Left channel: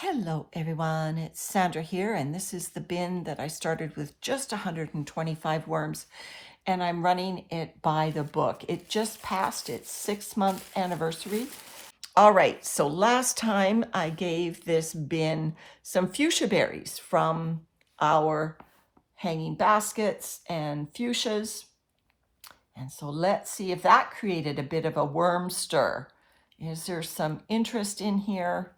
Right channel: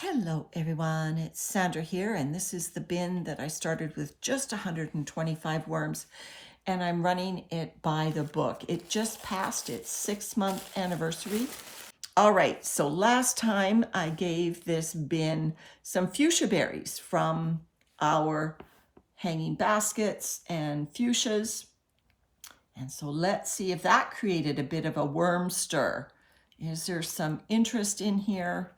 Hello everyone, it's Sandra here, and this is the bin that I started with just 125 worms, and I'm running it by the book. It just passed its 6-month anniversary. All right, so last time I gave this bin some fuchsia berries from our hanging baskets and fuchsias. And so let's see if that created a bit of a worm stir. Is there some interest in here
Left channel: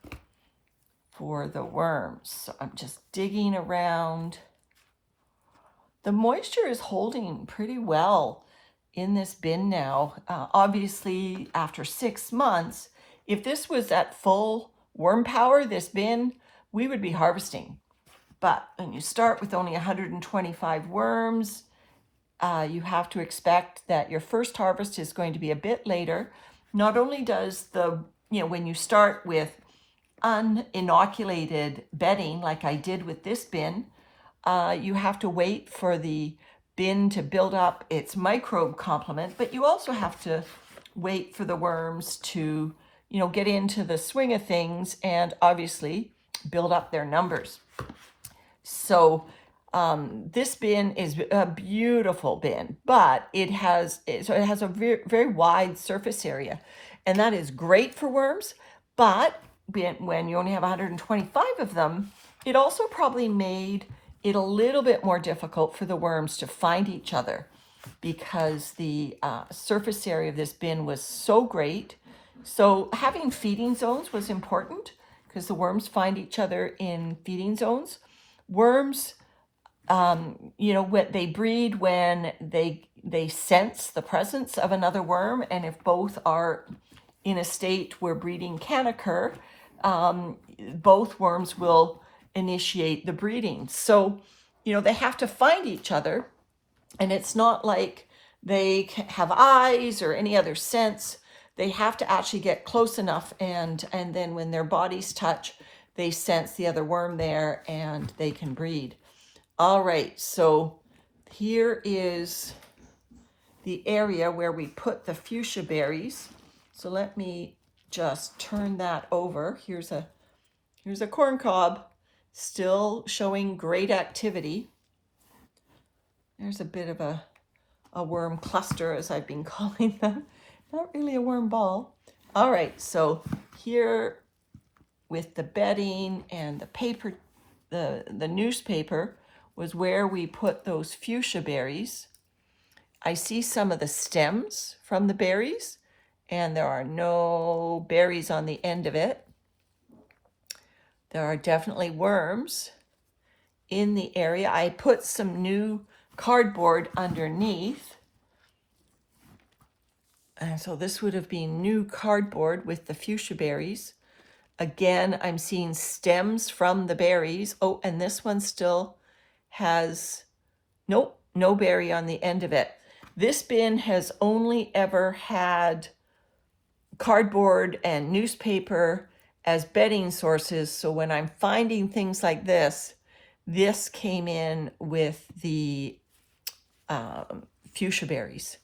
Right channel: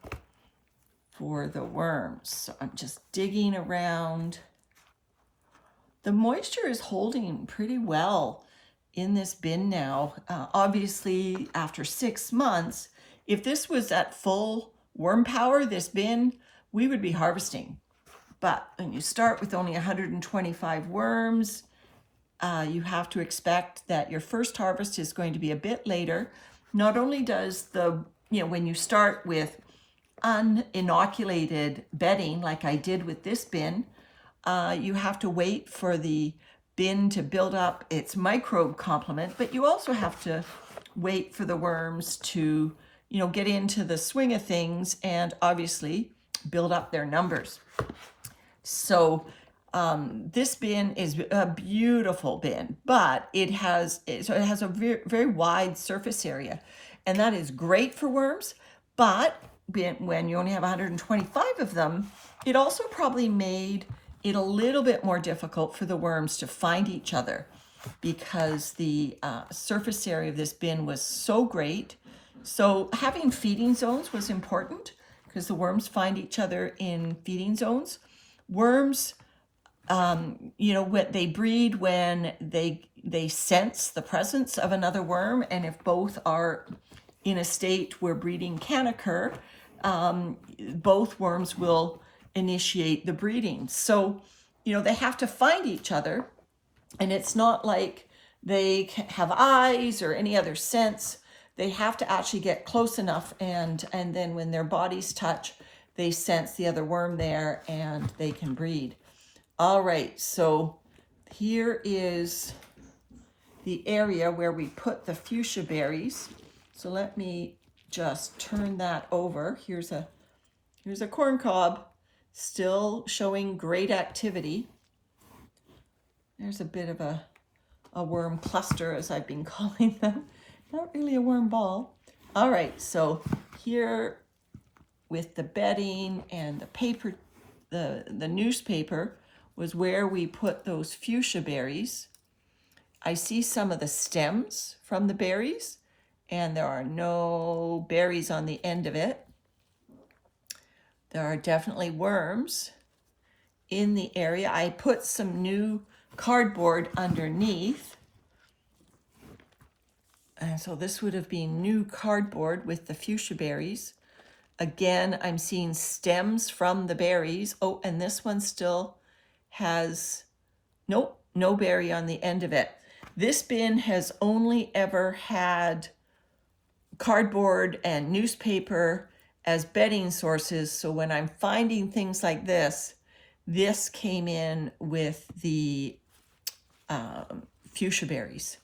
for the worms? So I'm just digging around. The moisture is holding pretty well in this bin now. Obviously, after 6 months, if this was at full worm power, this bin, we would be harvesting. But when you start with only 125 worms, you have to expect that your first harvest is going to be a bit later. Not only does when you start with uninoculated bedding, like I did with this bin, you have to wait for the bin to build up its microbe complement, but you also have to wait for the worms to, get into the swing of things and obviously build up their numbers. So this bin is a beautiful bin, but it has a very, very wide surface area, and that is great for worms. But when you only have 125 of them, it also probably made it a little bit more difficult for the worms to find each other, because the surface area of this bin was so great. So having feeding zones was important, because the worms find each other in feeding zones. Worms, what they breed when they sense the presence of another worm, and if both are in a state where breeding can occur, both worms will initiate the breeding. So, they have to find each other, and it's not like they have eyes or any other sense. They have to actually get close enough, and then when their bodies touch, they sense the other worm there and they can breed. All right, so here is the area where we put the fuchsia berries. So let me just turn that over. Here's a corn cob, still showing great activity. There's a bit of a worm cluster, as I've been calling them. Not really a worm ball. All right, so here with the bedding and the paper, the newspaper was where we put those fuchsia berries. I see some of the stems from the berries, and there are no berries on the end of it. There are definitely worms in the area. I put some new cardboard underneath. And so this would have been new cardboard with the fuchsia berries. Again, I'm seeing stems from the berries. Oh, and this one still has, nope, no berry on the end of it. This bin has only ever had cardboard and newspaper as bedding sources. So when I'm finding things like this came in with the fuchsia berries.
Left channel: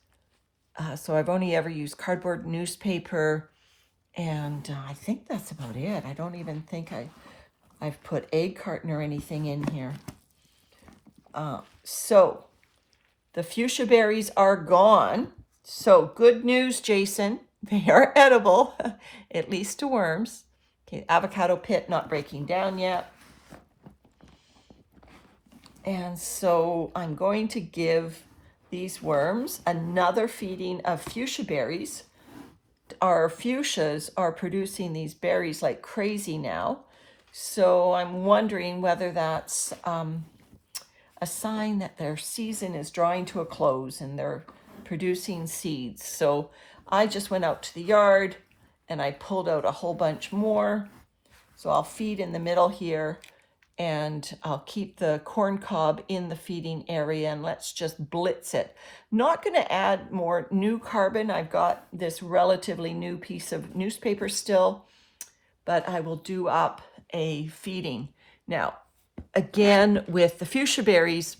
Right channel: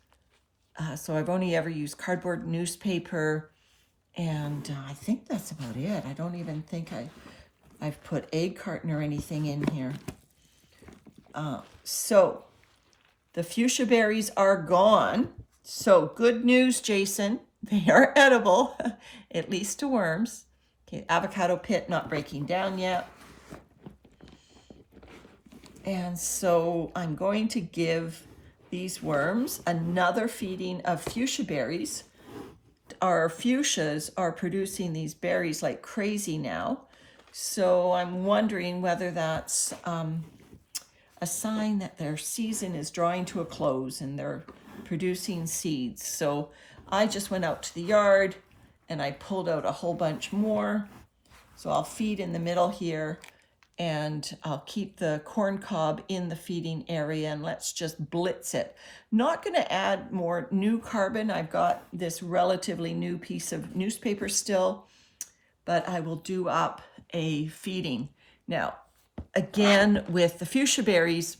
So I've only ever used cardboard, newspaper, and I think that's about it. I don't even think I've put egg carton or anything in here. So the fuchsia berries are gone. So good news, Jason. They are edible, at least to worms. Okay, avocado pit not breaking down yet. And so I'm going to give these worms another feeding of fuchsia berries. Our fuchsias are producing these berries like crazy now. So I'm wondering whether that's a sign that their season is drawing to a close and they're producing seeds. So I just went out to the yard and I pulled out a whole bunch more. So I'll feed in the middle here, and I'll keep the corn cob in the feeding area, and let's just blitz it. Not going to add more new carbon. I've got this relatively new piece of newspaper still, but I will do up a feeding. Now, again, with the fuchsia berries,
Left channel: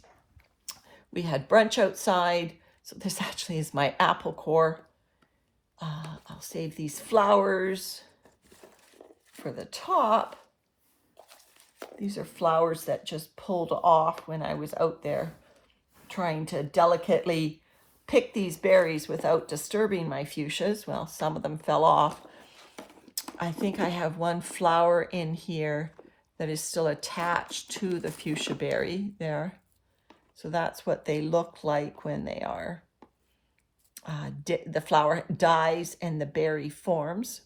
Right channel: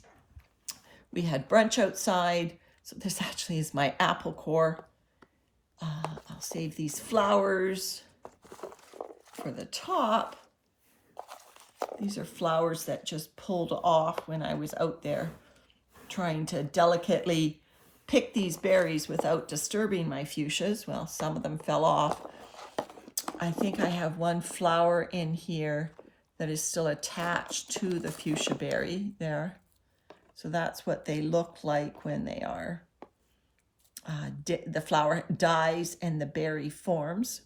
we had brunch outside. So this actually is my apple core. I'll save these flowers for the top. These are flowers that just pulled off when I was out there trying to delicately pick these berries without disturbing my fuchsias. Well, some of them fell off. I think I have one flower in here that is still attached to the fuchsia berry there. So that's what they look like when they are, the flower dies and the berry forms.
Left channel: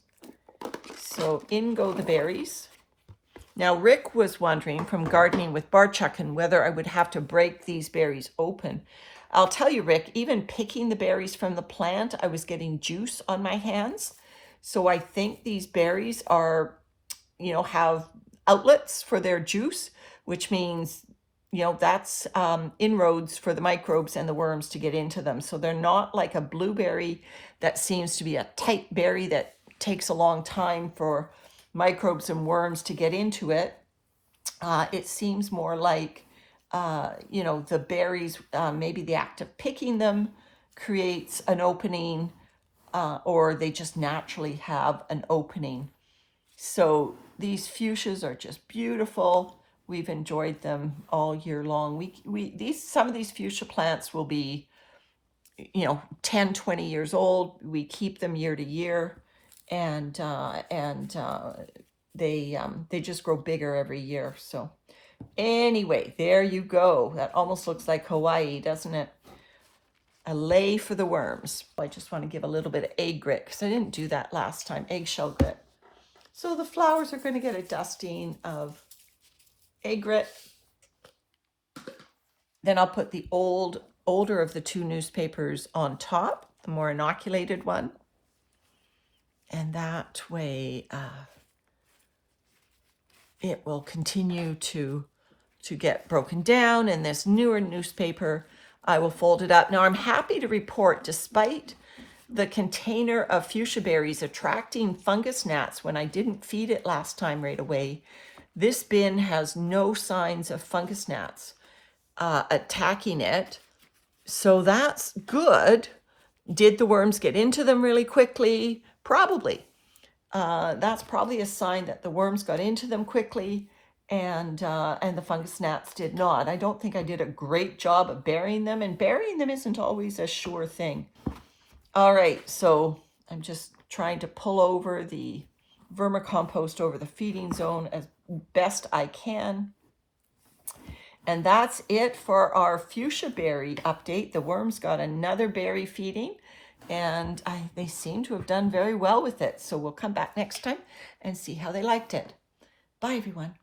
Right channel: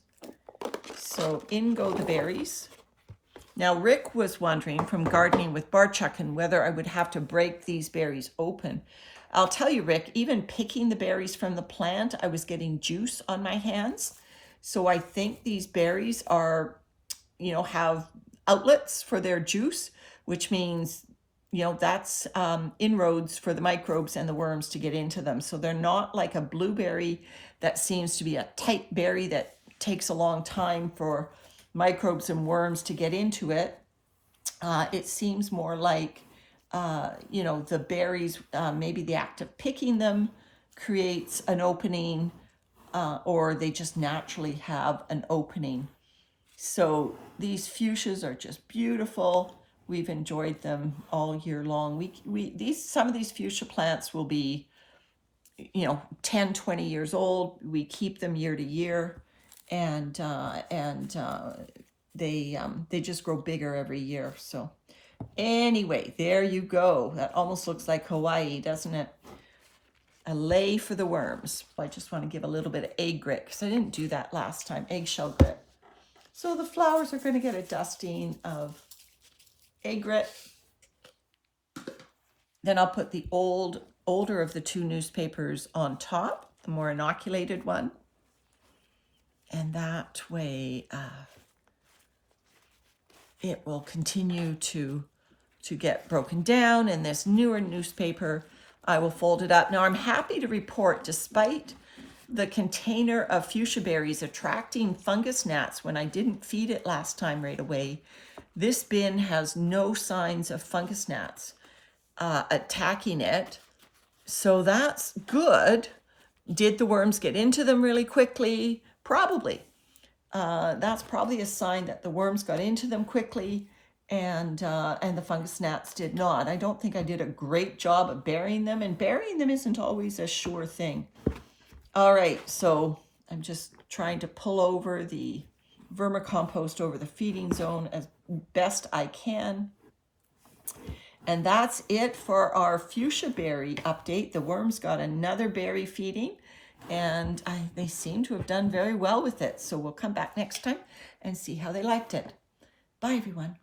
So in go the berries. Now Rick was wondering from gardening with Barchuck whether I would have to break these berries open. I'll tell you, Rick, even picking the berries from the plant, I was getting juice on my hands. So I think these berries are, have outlets for their juice, which means, that's inroads for the microbes and the worms to get into them. So they're not like a blueberry that seems to be a tight berry that takes a long time for microbes and worms to get into it. It seems more like, the berries, maybe the act of picking them creates an opening, or they just naturally have an opening. So these fuchsias are just beautiful. We've enjoyed them all year long. Some of these fuchsia plants will be, 10, 20 years old. We keep them year to year, and they just grow bigger every year. So anyway, there you go. That almost looks like Hawaii, doesn't it? A lay for the worms. I just want to give a little bit of egg grit because I didn't do that last time, eggshell grit. So the flowers are going to get a dusting of egg grit. Then I'll put the older of the two newspapers on top, the more inoculated one. And that way it will continue to get broken down. And this newer newspaper, I will fold it up. Now I'm happy to report, despite the container of fuchsia berries attracting fungus gnats when I didn't feed it last time right away, this bin has no signs of fungus gnats attacking it. So that's good. Did the worms get into them really quickly? Probably. That's probably a sign that the worms got into them quickly and the fungus gnats did not. I don't think I did a great job of burying them, and burying them isn't always a sure thing. All right, so I'm just trying to pull over the vermicompost over the feeding zone as best I can. And that's it for our fuchsia berry update. The worms got another berry feeding, and they seem to have done very well with it. So we'll come back next time and see how they liked it. Bye, everyone.